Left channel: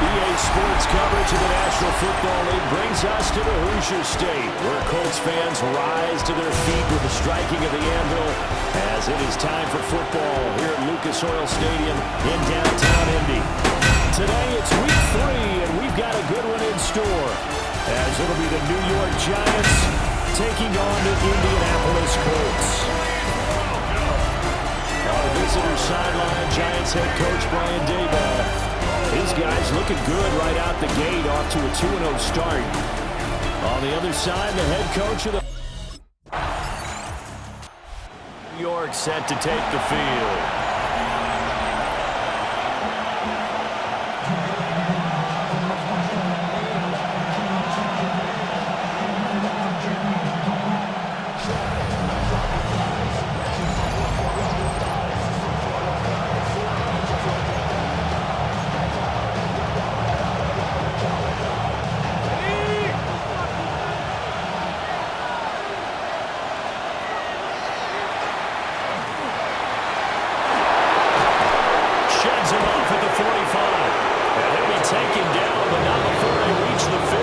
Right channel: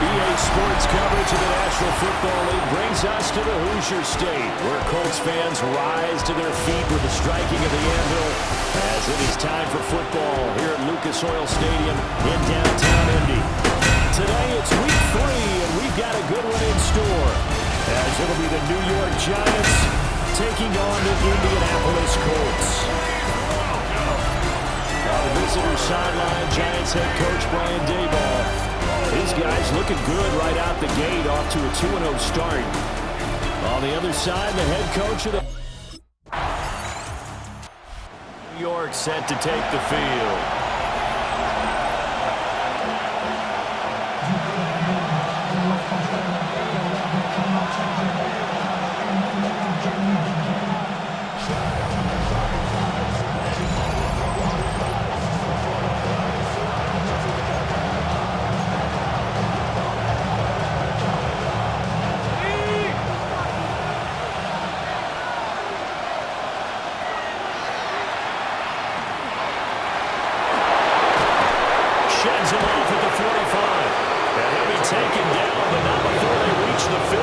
EA Sports coverage of the National Football League brings us to the Hoosier State, where Colts fans rise to their feet with the striking of the anvil as it is time for football here at Lucas Oil Stadium in downtown Indy. Today it's week 3, and we've got a good one in store, as it'll be the New York Giants taking on the Indianapolis Colts. On the visitor sideline, Giants head coach Brian Daboll. His guys looking good right out the gate, off to a 2-0 start. On the other side, the head coach of the New York set to take the field. Sheds him off at the 45. And he'll be taken down, but not before they reach the 50.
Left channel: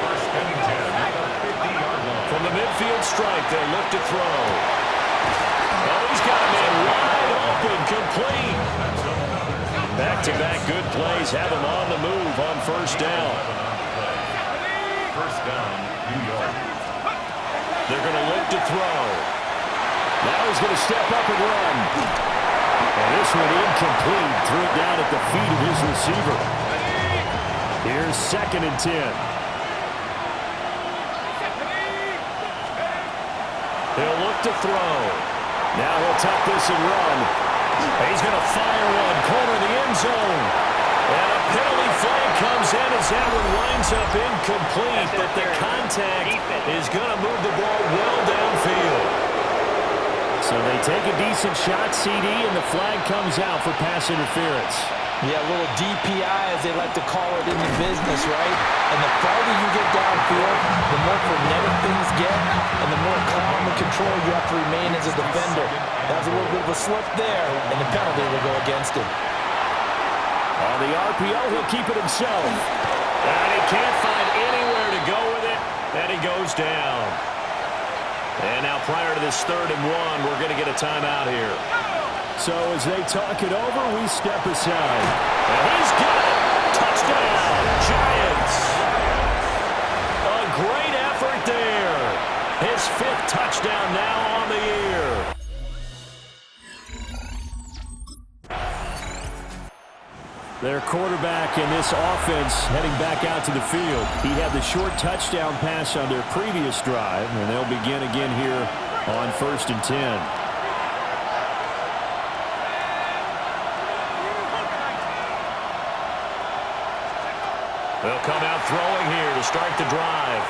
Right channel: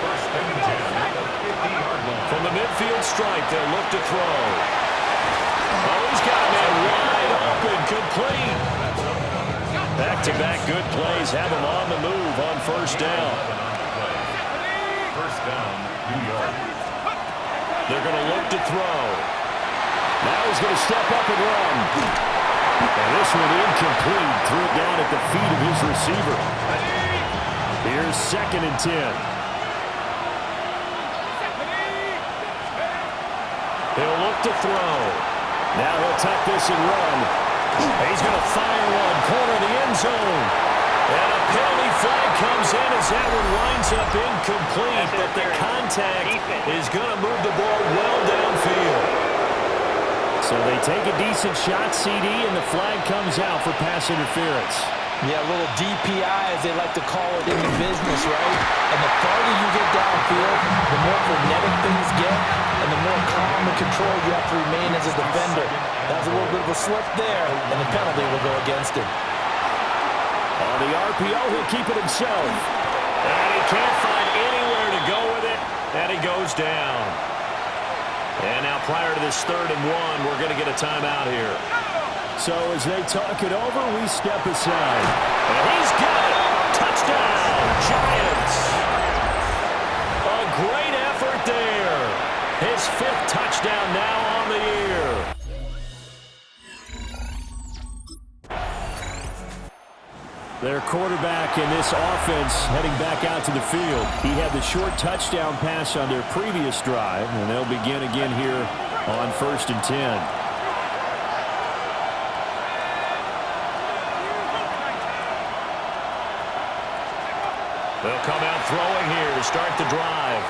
First and 10 at the 50-yard line. From the midfield stripe, they'll look to throw. Oh, he's got a man wide open, complete. Back-to-back good plays have him on the move on first down. First down, New York. They're going to look to throw. Now he's going to step up and run. And this one incomplete. Threw it down at the feet of his receiver. Here's 2nd and 10. He'll look to throw. Now he'll tuck this and run. He's going to fire one. Corner of the end zone. And a penalty flag comes in as that one winds up incomplete. But the contact is going to move the ball well downfield. So they take a decent shot, CD, and the flag comes out for pass interference. Yeah, a little DPI, as they like to call it in the business, right? And the farther you get downfield, the more frenetic things get, and the more calm and control you have to remain as a defender. That was a little bit of a slip there, and the penalty will go against him. On the RPO, he'll keep it himself. And he can't find anywhere to go with it, and he goes down. And now prior to this 3rd and 1, we're going to get a timeout here. So as they talk it over, we step aside. And he's got it. Touchdown, Giants. A great effort there. His 5th touchdown now on the year. Their quarterback in this offense heading back out to the field. He had the short touchdown pass on their previous drive, and they'll begin again here on 1st and 10. They'll come out throwing here to start the drive.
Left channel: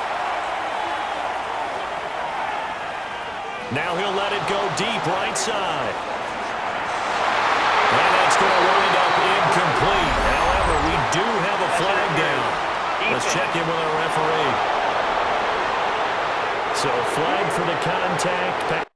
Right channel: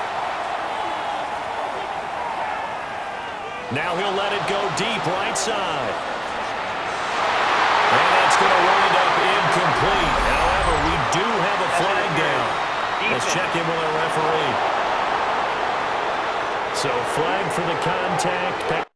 Now he'll let it go deep right side. And that's going to wind up incomplete. However, we do have a flag down. Let's check in with our referee. So flag for the contact.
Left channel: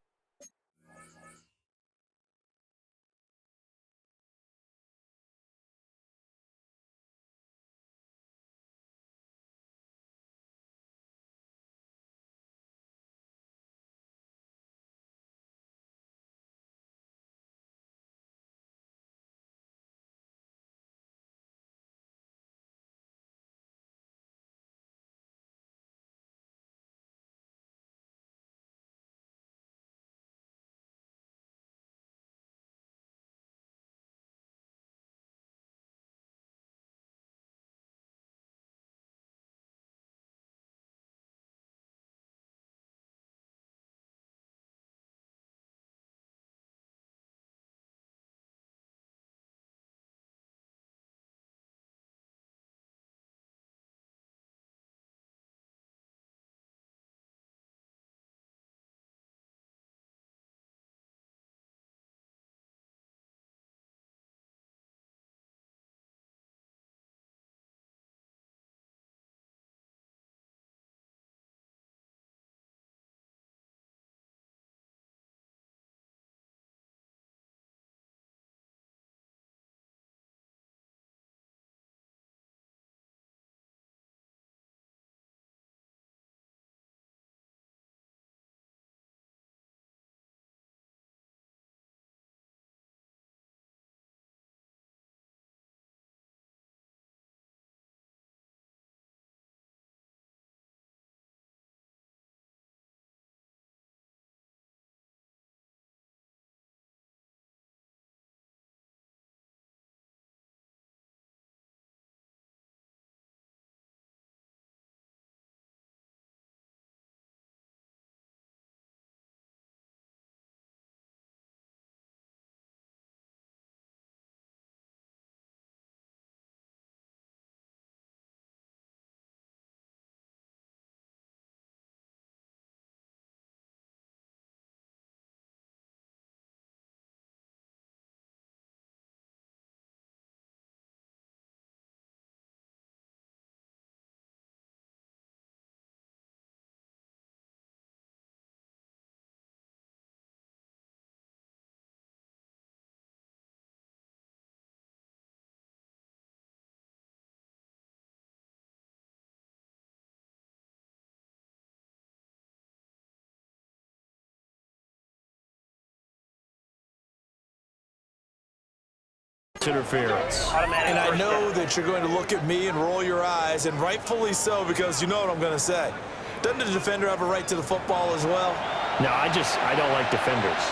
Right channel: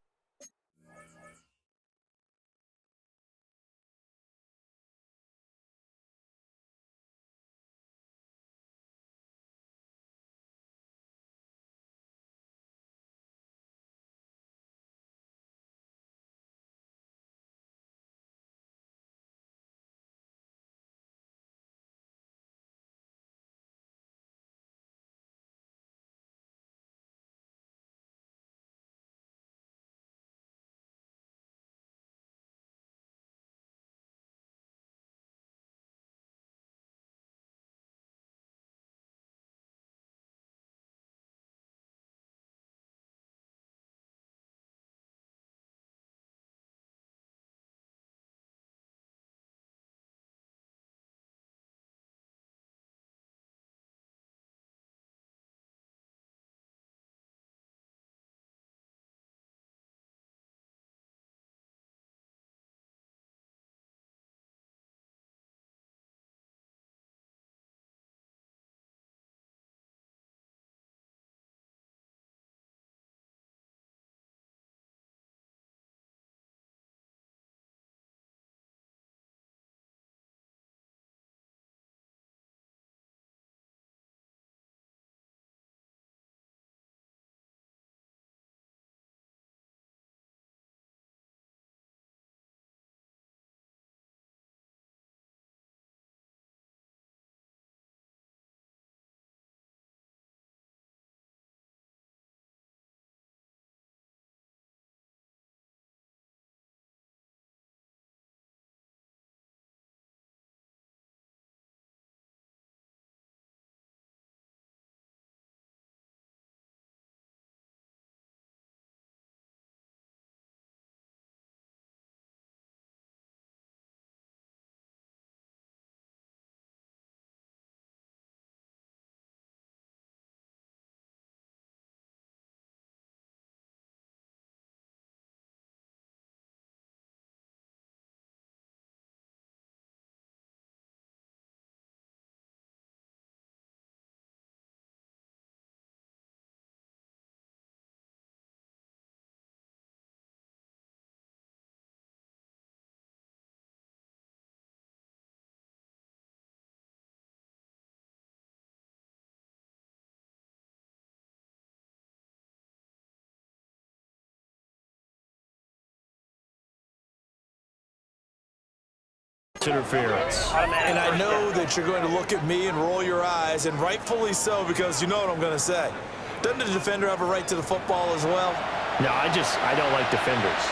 pass interference. And I know that you're going to look at me and roll your eyes, and rightfully so, because you know what I'm going to say. Doesn't the defender have a right to the football as well? No, I don't like defenders.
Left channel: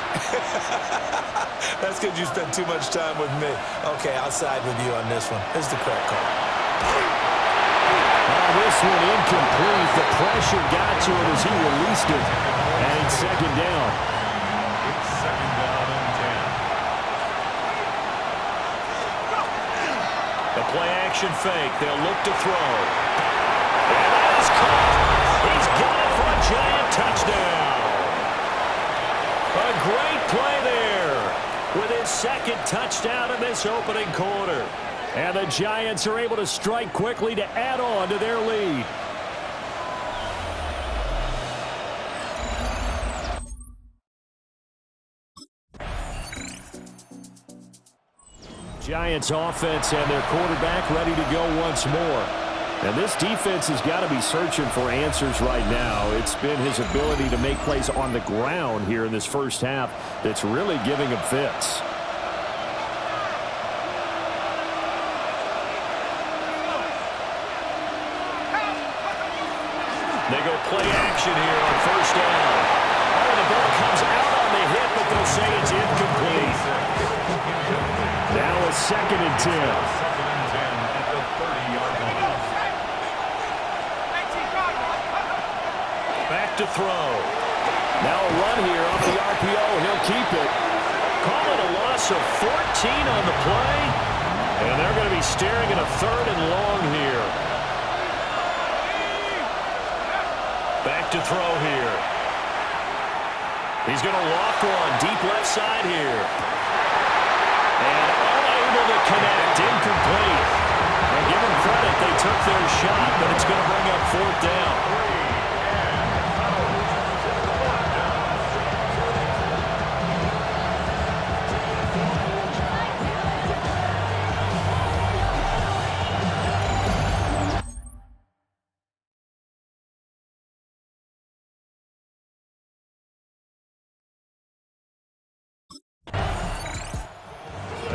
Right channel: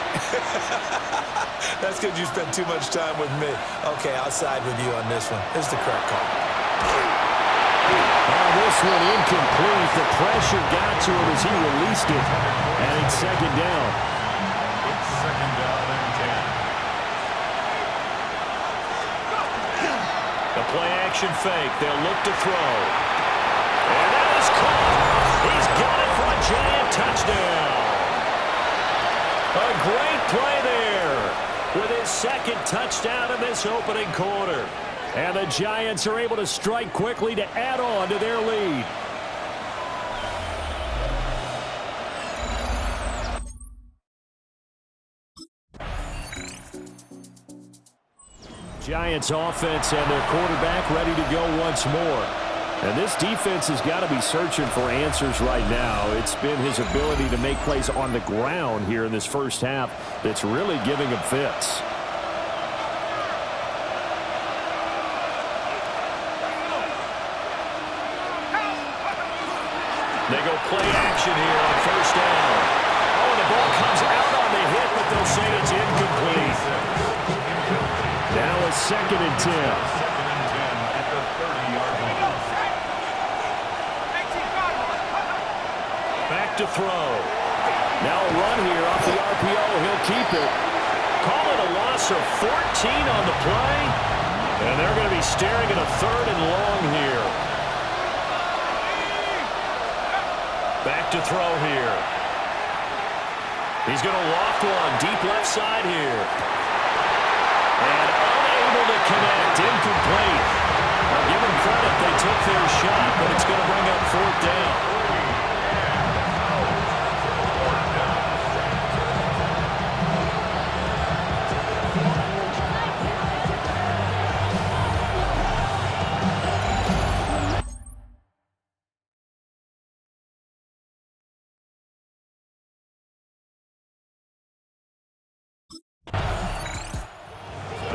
That's because you spend too much time with me. Okay, I'll side with you on this one. This is the correct call. This one incomplete. The pressure got to him as he released it. And it's second down. It's second down and 10. The play action fake. They'll look to throw. And that is caught. He's got it for a giant touchdown. A great play there with his second touchdown in this opening quarter. And the Giants are able to strike quickly to add on to their lead. Giants offense and their quarterback ready to go once more. And this defense has got to be searching for answers right now. It's been his ability to make plays on the ground here in this first half that's really giving him fits. They go play action here on first down. Oh, the ball comes out on the hit, but they'll say it's incomplete. Now it's second and 10. Second and 10 at the 30-yard line. Back to throw. Now a run here off the RPO. He'll keep it. Call it a loss of 14 on the play. And they're going to be staring at a third and long here. Back to throw here. He's going to loft one deep left side here. And unable to connect. Incomplete. Now give them credit. They took their shot, but it's going to bring up fourth down.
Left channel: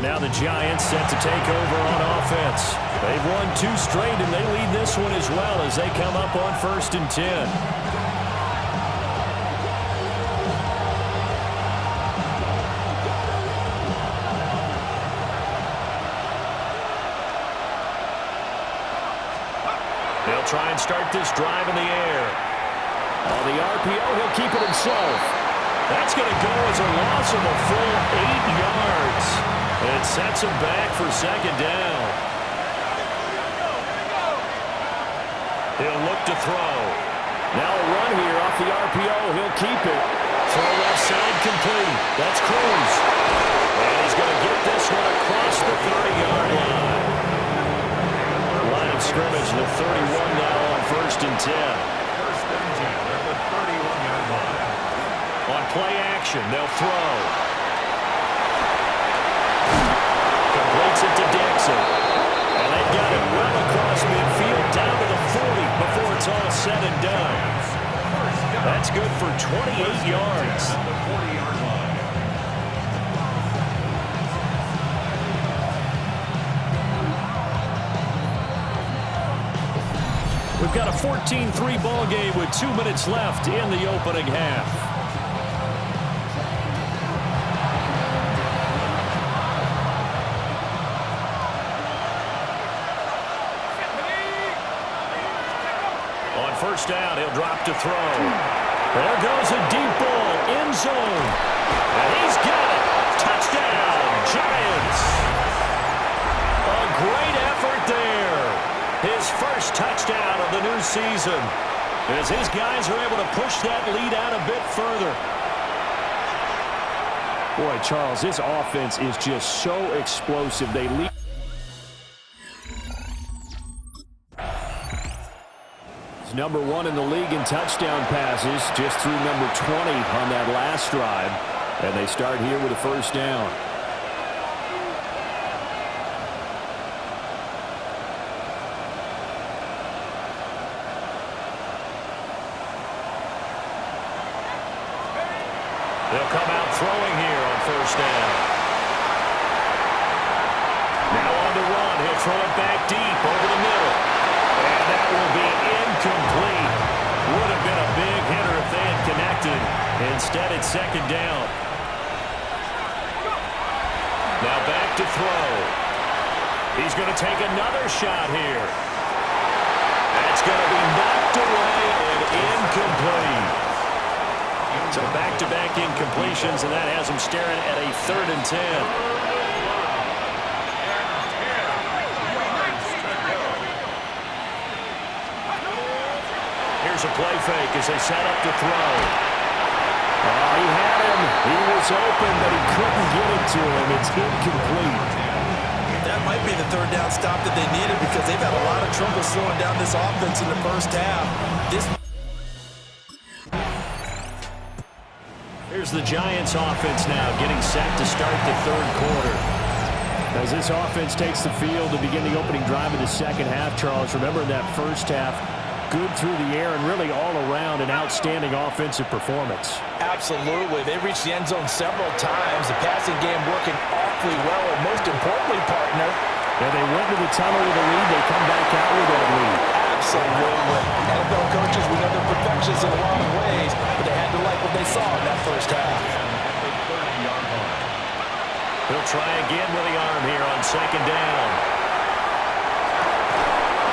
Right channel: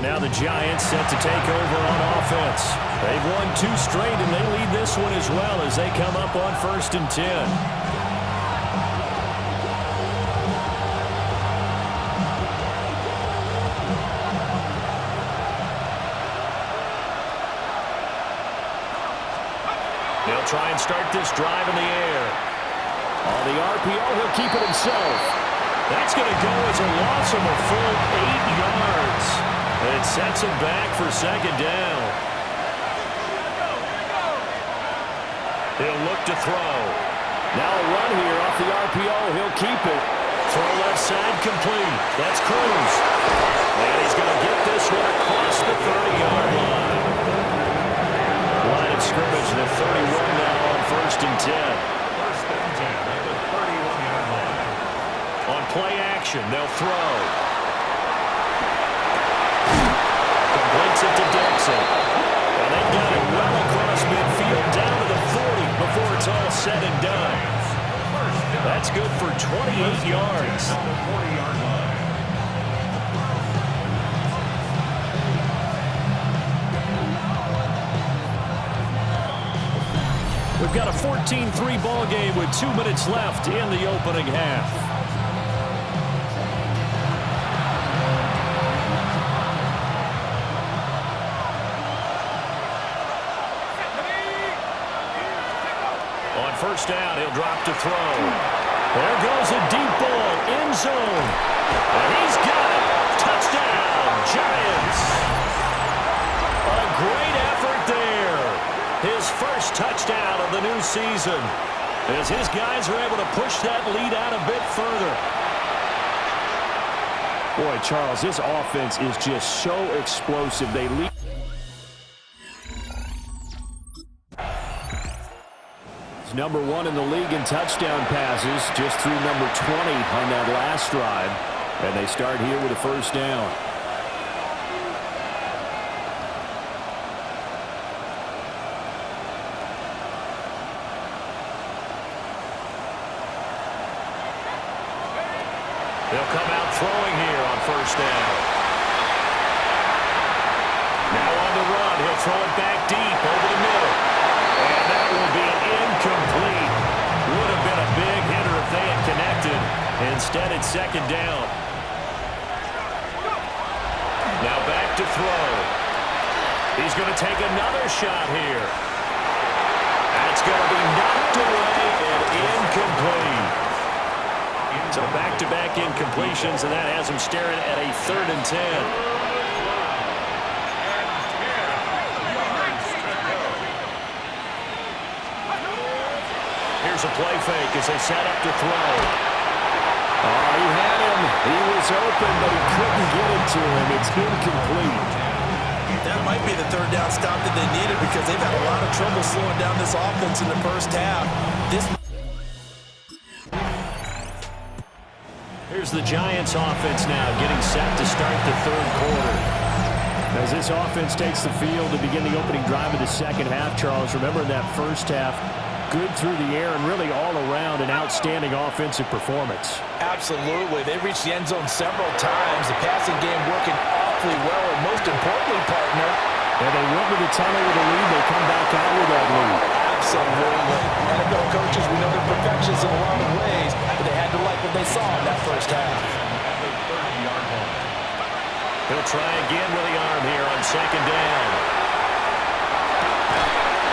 Now the Giants set to take over on offense. They've won 2 straight, and they lead this one as well as they come up on first and 10. They'll try and start this drive in the air. On the RPO, he'll keep it himself. That's going to go as a loss of a full 8 yards. It sets him back for second down. He'll look to throw. Now a run here off the RPO. He'll keep it. Throw left side complete. That's Cruz. And he's going to get this one across the 30-yard line. Line of scrimmage, the 31 now on first and 10. First and 10 at the 31-yard line. On play action, they'll throw. Completes it to Dixon. And they've got it well across midfield down to the 40 before it's all said and done. That's good for 28 yards. At the 40-yard line. We've got a 14-3 ball game with 2 minutes left in the opening half. On first down, he'll drop to throw. There goes a deep ball, end zone. And he's got it. Touchdown, Giants. A great effort there. His first touchdown of the new season. As his guys are able to push that lead out a bit further. Boy, Charles, this offense is just so explosive. They lead. Number 1 in the league in touchdown passes, just through number 20 on that last drive. And they start here with a first down. They'll come out throwing here on first down. on the run. He'll throw it back deep over the middle. And that will be incomplete. Would have been a big hitter if they had connected. Instead, it's second down. Now back to throw. He's going to take another shot here. That's going to be knocked away and incomplete. So back-to-back incompletions, and that has him staring at a 3rd and 10. Here's a play fake as they set up to throw. Oh, he had him. He was open, but he couldn't get it to him. It's incomplete. That might be the 3rd down stop that they needed because they've had a lot of trouble slowing down this offense in the first half. Here's the Giants offense now getting set to start the 3rd quarter. As this offense takes the field to begin the opening drive of the second half, Charles, remember in that first half, good through the air and really all around an outstanding offensive performance. Absolutely. They reached the end zone several times. The passing game working awfully well, and most importantly, partner, and they went to the tunnel with a lead. They come back out with that lead. Absolutely. NFL coaches, we know they're perfectionists in a lot of ways, but they had to like what they saw in that first half. He'll try again with the arm here on second down.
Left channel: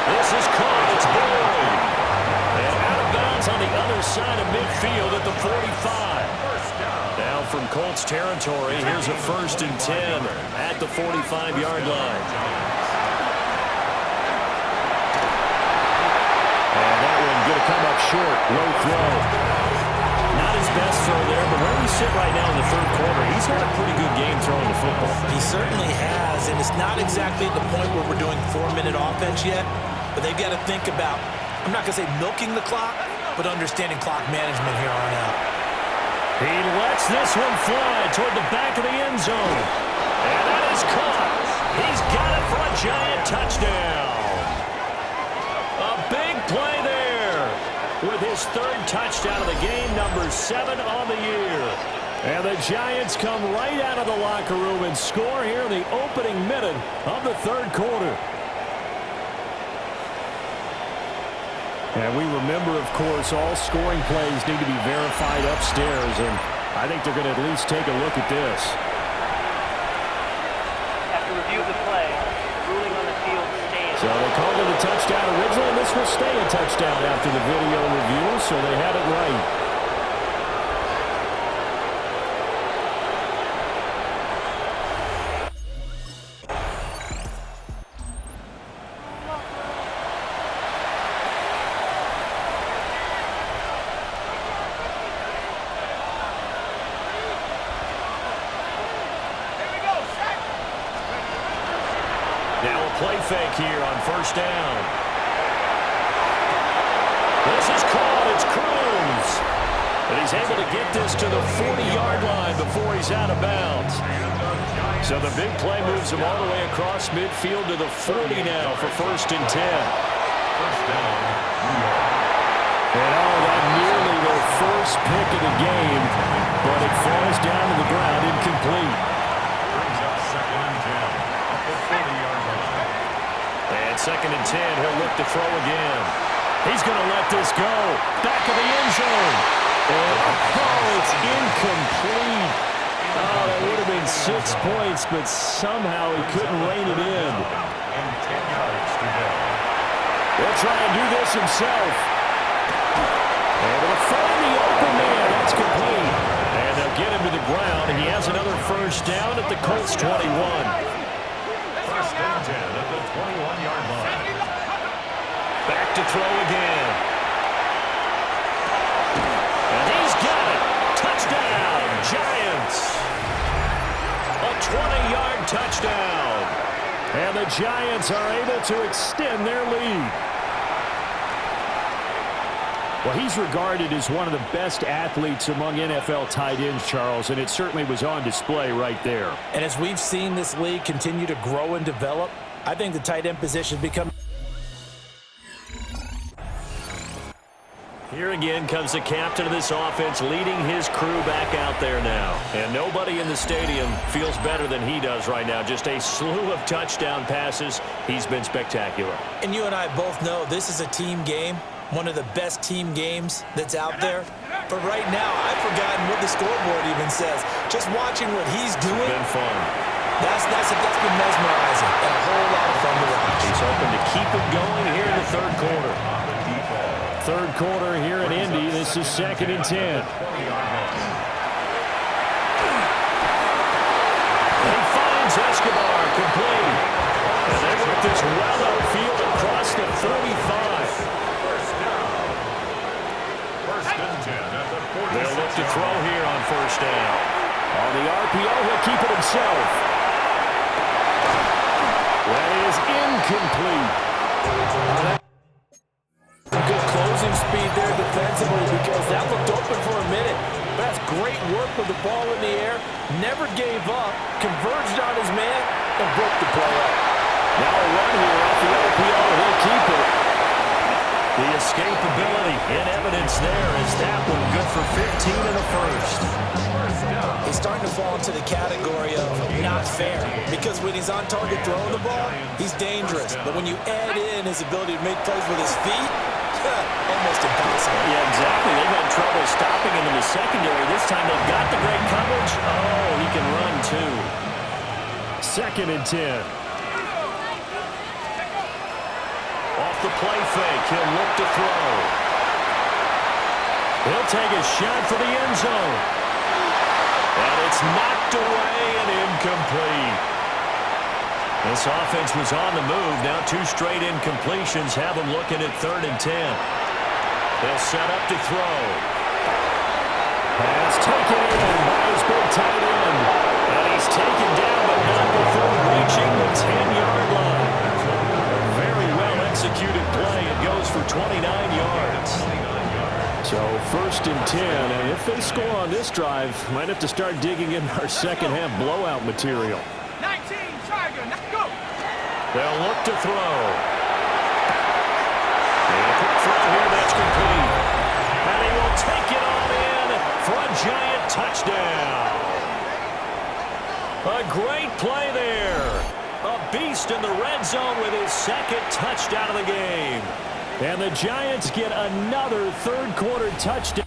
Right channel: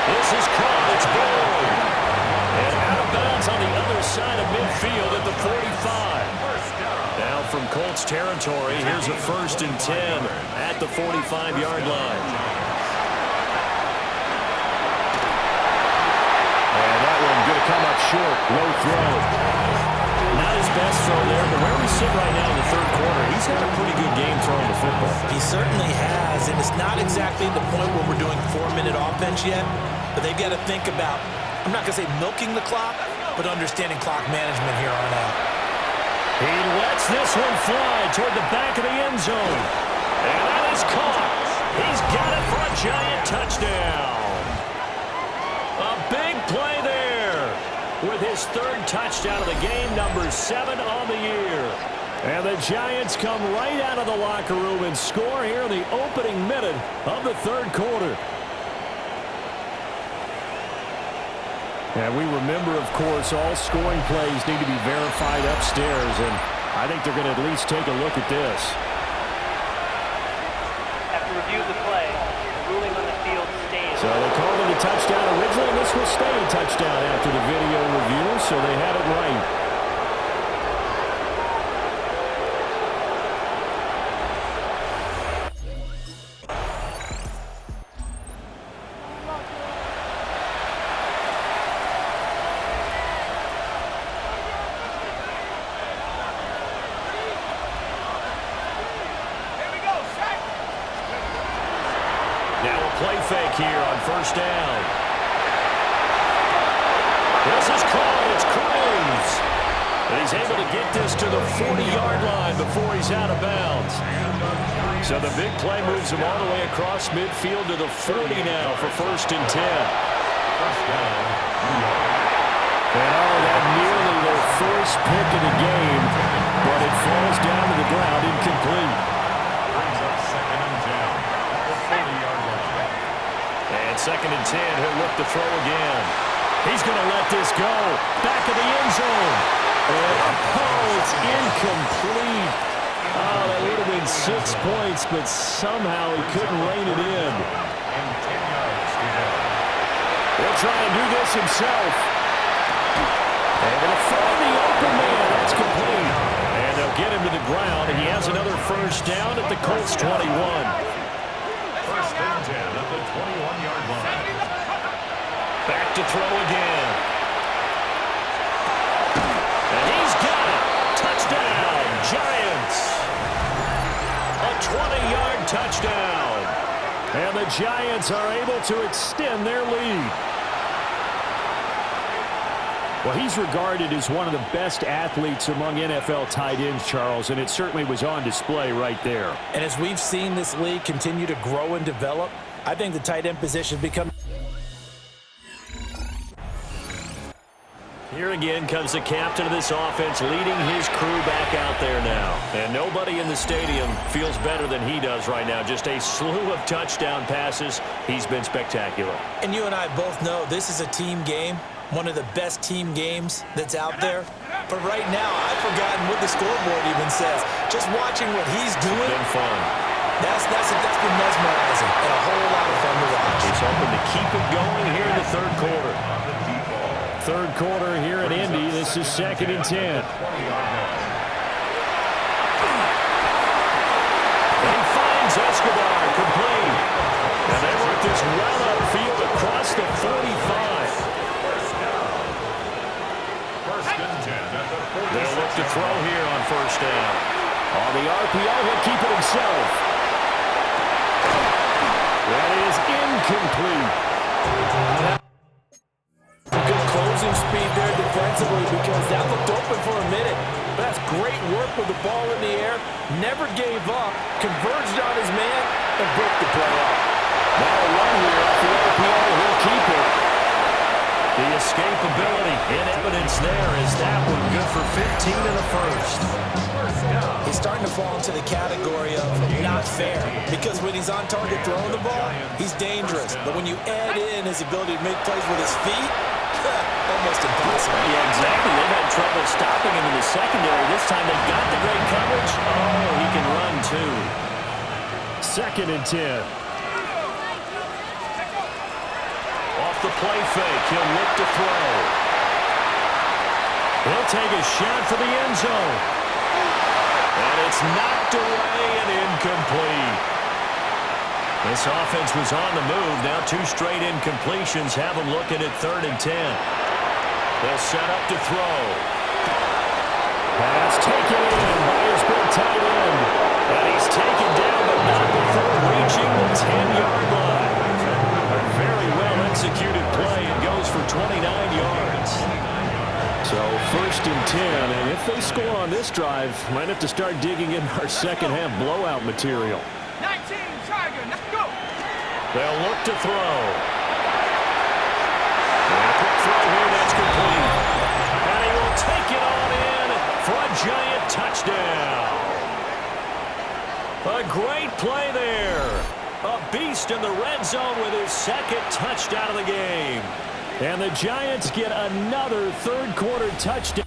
This is caught. It's Boyd. And out of bounds on the other side of midfield at the 45. Now from Colts territory, here's a 1st and 10 at the 45-yard line. And that one going to come up short. Low throw. Not his best throw there, but where we sit right now in the 3rd quarter, he's had a pretty good game throwing the football. He certainly has, and it's not exactly the point where we're doing 4-minute offense yet, but they've got to think about, I'm not going to say milking the clock, but understanding clock management here on out. He lets this one fly toward the back of the end zone. And that is caught. He's got it for a giant touchdown. A big play there with his 3rd touchdown of the game, number 7 on the year. And the Giants come right out of the locker room and score here in the opening minute of the 3rd quarter. And we remember, of course, all scoring plays need to be verified upstairs, and I think they're going to at least take a look at this. After review of the play, the ruling on the field stays. So they called it a touchdown originally, and this will stay a touchdown after the video review, so they had it right. Now a play fake here on 1st down. This is caught. It's Cruz. And he's able to get this to the 40-yard line before he's out of bounds. So the big play moves him all the way across midfield to the 40 now for 1st and 10. First down, New York. And that nearly their first pick of the game, but it falls down to the ground incomplete. Brings up 2nd and 10 at the 40-yard line. And 2nd and 10, he'll look to throw again. He's going to let this go. Back of the end zone. And it's incomplete. Oh, that would have been 6 points, but somehow he couldn't rein it in. And 10 yards to go. He'll try and do this himself. Able to find the open man. That's complete. And they'll get him to the ground. He has another 1st down at the Colts 21. 1st and 10 at the 21-yard line. Back to throw again. And he's got it. Touchdown, Giants. A 20-yard touchdown. And the Giants are able to extend their lead. Well, he's regarded as one of the best athletes among NFL tight ends, Charles, and it certainly was on display right there. And as we've seen this league continue to grow and develop, I think the tight end position become... Here again comes the captain of this offense, leading his crew back out there now. And nobody in the stadium feels better than he does right now. Just a slew of touchdown passes. He's been spectacular. And you and I both know this is a team game, one of the best team games that's out there. But right now, I've forgotten what the scoreboard even says. Just watching what he's doing. It's been fun. That's been mesmerizing and a whole lot of fun to watch. He's hoping to keep it going here in the third quarter. Third quarter here at Indy. This is 2nd and 10. And he finds Escobar complete. And they work this well upfield across the 45. First and 10 at the 46. They'll look to throw here on first down. On the RPO, he'll keep it himself. That is incomplete. Good closing speed there defensively because that looked open for a minute. But that's great work with the ball in the air. Never gave up, converged on his man, and broke the play up. Now a run here off the RPO. He'll keep it. The escapability in evidence there is that one good for 15 in the first. He's starting to fall into the category of not fair because when he's on target throwing the ball, he's dangerous. But when you add in his ability to make plays with his feet, almost impossible. Yeah, exactly. They've had trouble stopping him in the secondary. This time they've got the great coverage. Oh, he can run too. 2nd and 10. Off the play fake, he'll look to throw. He'll take a shot for the end zone. And it's knocked away and incomplete. This offense was on the move. Now 2 straight incompletions have them looking at 3rd and 10. They'll set up to throw. Pass taken in by his big tight end. And he's taken down, but not before reaching the 10-yard line. A very well-executed play. It goes for 29 yards. So 1st and 10, and if they score on this drive, might have to start digging in our second-half blowout material. 19, Tiger, now go! They'll look to throw. And a quick throw here, that's complete. And he will take it on in for a giant touchdown. A great play there. A beast in the red zone with his 2nd touchdown of the game. And the Giants get another third-quarter touchdown.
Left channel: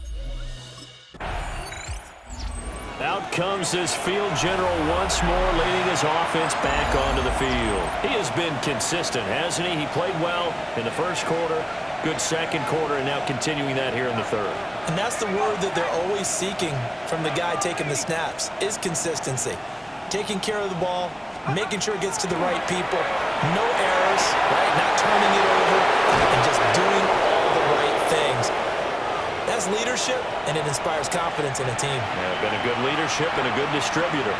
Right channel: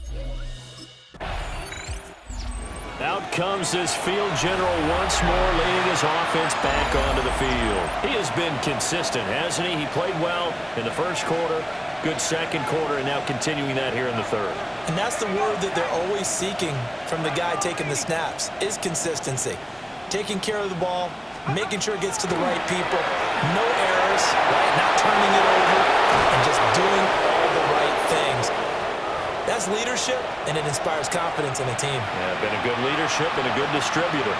Out comes this field general once more, leading his offense back onto the field. He has been consistent, hasn't he? He played well in the first quarter, good second quarter, and now continuing that here in the third. And that's the word that they're always seeking from the guy taking the snaps, is consistency. Taking care of the ball, making sure it gets to the right people, no errors, right? Not turning it over, and just doing all the right things. That's leadership, and it inspires confidence in a team. Yeah, been a good leadership and a good distributor.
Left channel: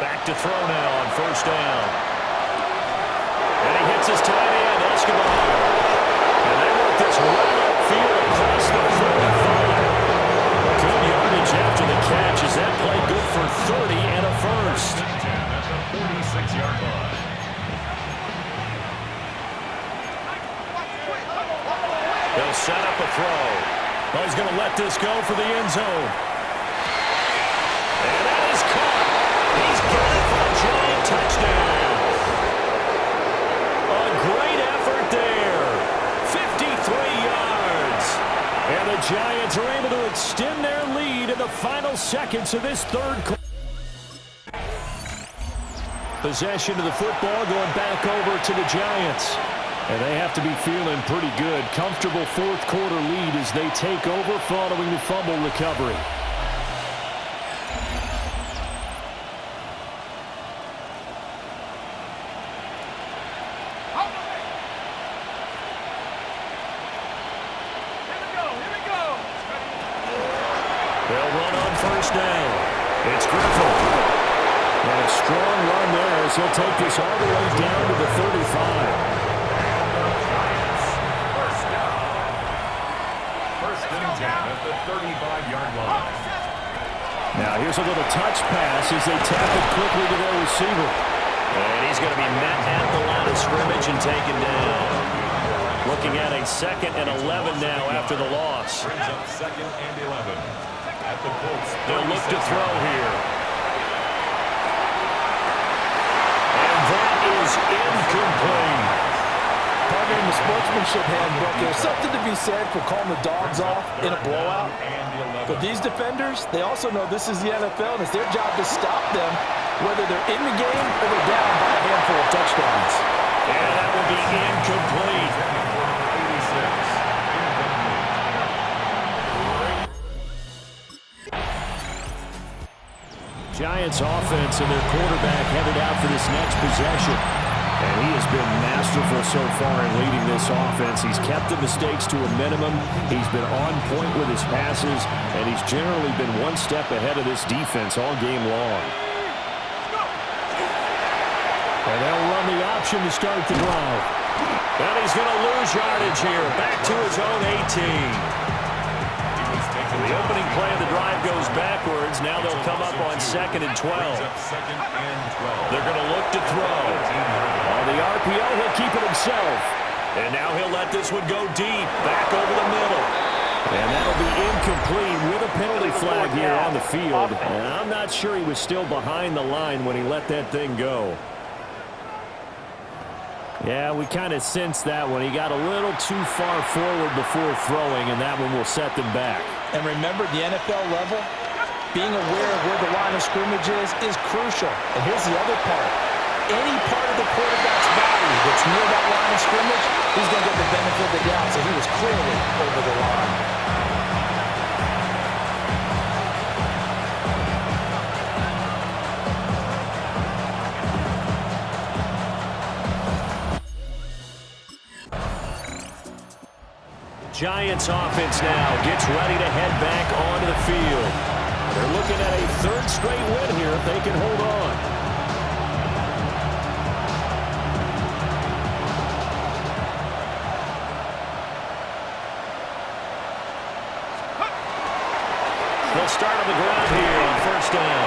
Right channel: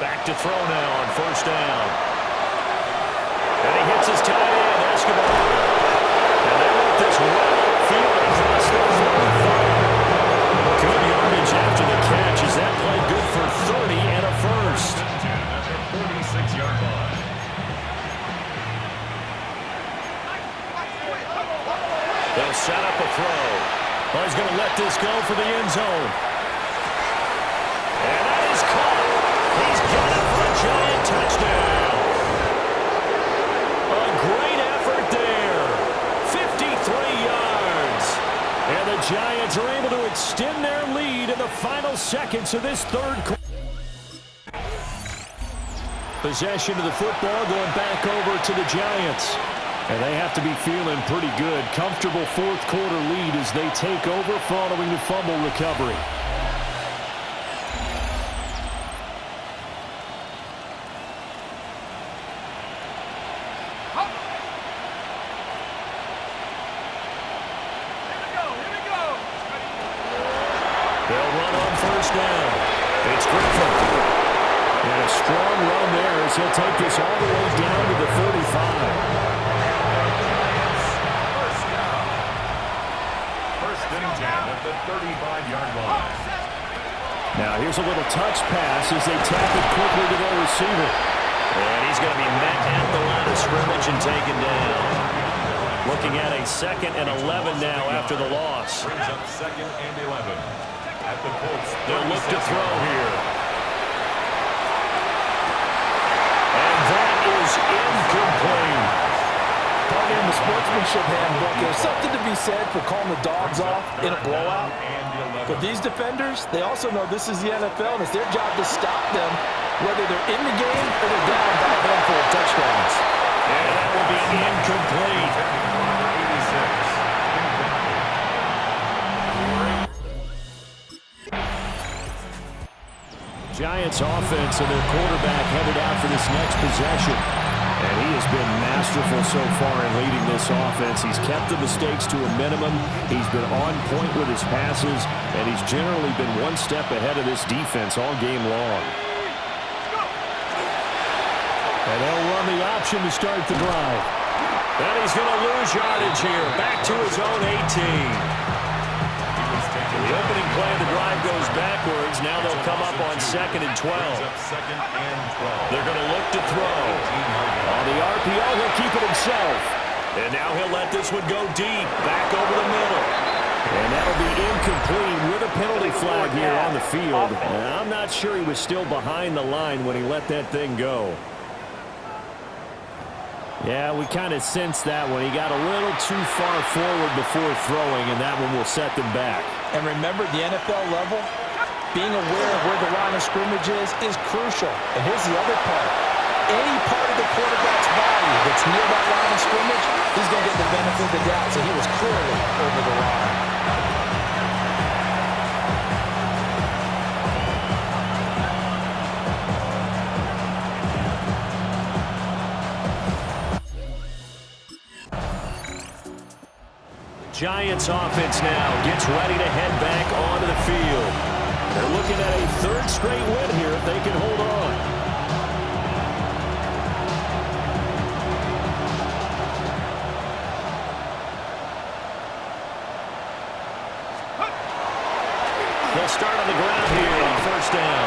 Back to throw now on first down. And he hits his tight end, Escobar. And they work this well upfield across the 45. Good yardage after the catch. Is that play good for 30 and a first? 10 at the 46-yard line. They'll set up a throw. Oh, he's going to let this go for the end zone. And that is caught. He's got it for a giant touchdown. A great effort there. 53 yards. And the Giants are able to extend their lead in the final seconds of this third quarter. Possession of the football going back over to the Giants. And they have to be feeling pretty good. Comfortable fourth quarter lead as they take over following the fumble recovery. They'll run on first down. It's Griffin. And a strong run there as he'll take this all the way down to the 35. First and 10 at the 35-yard line. Now here's a little touch pass as they tap it quickly to their receiver. And he's going to be met at the line of scrimmage and taken down. Looking at a 2nd and 11 now after the loss. Brings up 2nd and 11. At the Colts. They'll look to throw here. And that is incomplete. Partner, in the sportsmanship handbook, there's something to be said for calling the dogs off in a blowout. But these defenders, they also know this is the NFL, and it's their job to stop them, whether they're in the game or they're down by a handful of touchdowns. And that will be incomplete. Giants offense and their quarterback headed out for this next possession. And he has been masterful so far in leading this offense. He's kept the mistakes to a minimum. He's been on point with his passes, and he's generally been one step ahead of this defense all game long. And they'll run the option to start the drive. And he's going to lose yardage here. Back to his own 18. The opening play of the drive goes backwards. Now they'll come up on 2nd and 12. They're going to look to throw. On the RPO, he'll keep it himself. And now he'll let this one go deep, back over the middle. And that'll be incomplete with a penalty flag here on the field. And I'm not sure he was still behind the line when he let that thing go. Yeah, we kind of sensed that one. He got a little too far forward before throwing, and that one will set them back. And remember, the NFL level, being aware of where the line of scrimmage is crucial. And here's the other part. Any part of the quarterback's body that's near that line of scrimmage, he's going to get the benefit of the doubt. So he was clearly over the line. Giants offense now gets ready to head back onto the field. They're looking at a 3rd straight win here if they can hold on. They'll start on the ground here on 1st down.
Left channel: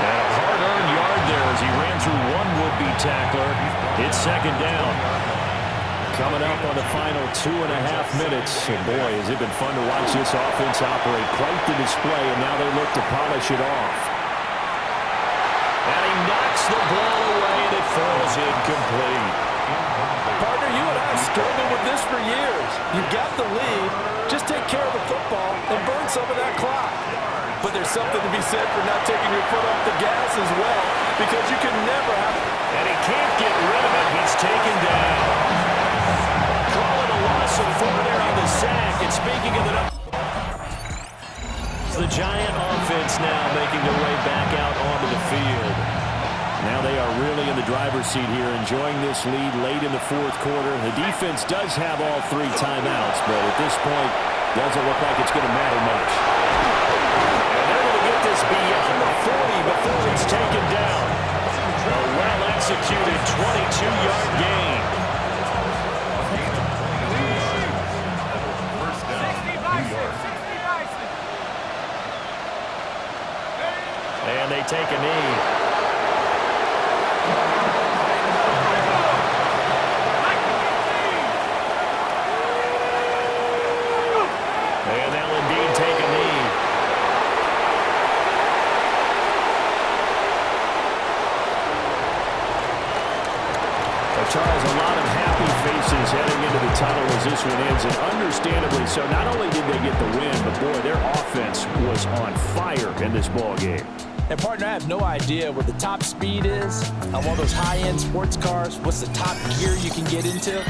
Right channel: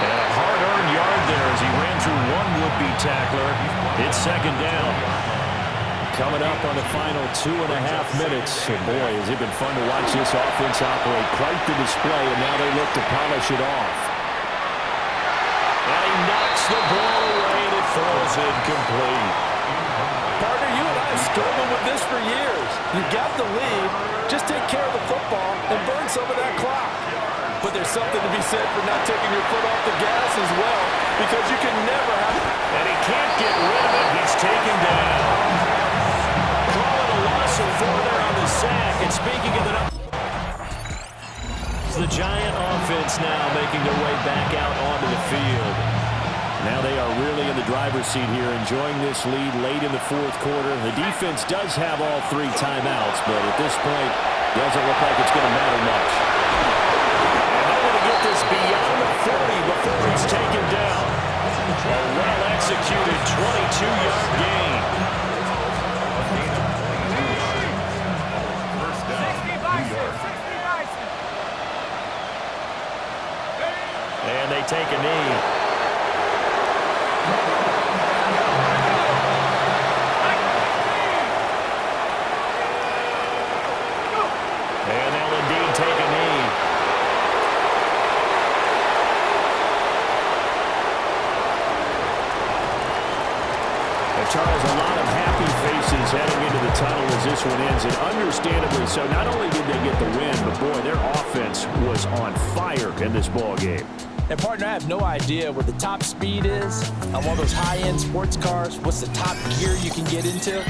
And a hard-earned yard there as he ran through one would-be tackler. It's 2nd down. Coming up on the final 2.5 minutes. And boy, has it been fun to watch this offense operate. Quite the display, and now they look to polish it off. And he knocks the ball away, and it falls incomplete. Partner, you and I struggled with this for years. You've got the lead. Just take care of the football and burn some of that clock. But there's something to be said for not taking your foot off the gas as well, because you can never have it. And he can't get rid of it. He's taken down. Calling a loss of 4 there on the sack. And speaking of the Giant offense now making their way back out onto the field. Now they are really in the driver's seat here, enjoying this lead late in the 4th quarter. The defense does have all 3 timeouts, but at this point, doesn't look like it's going to matter much. And they're going to get this beyond the 40 before he's taken down. A well-executed 22-yard gain. And they take a knee. And they'll indeed take a knee. Charles, a lot of happy faces heading into the tunnel as this one ends, and understandably so. Not only did they get the win, but boy, their offense was on fire in this ball game. And partner, I have no idea what the top speed is on one of those high-end sports cars. What's the top gear you can get into?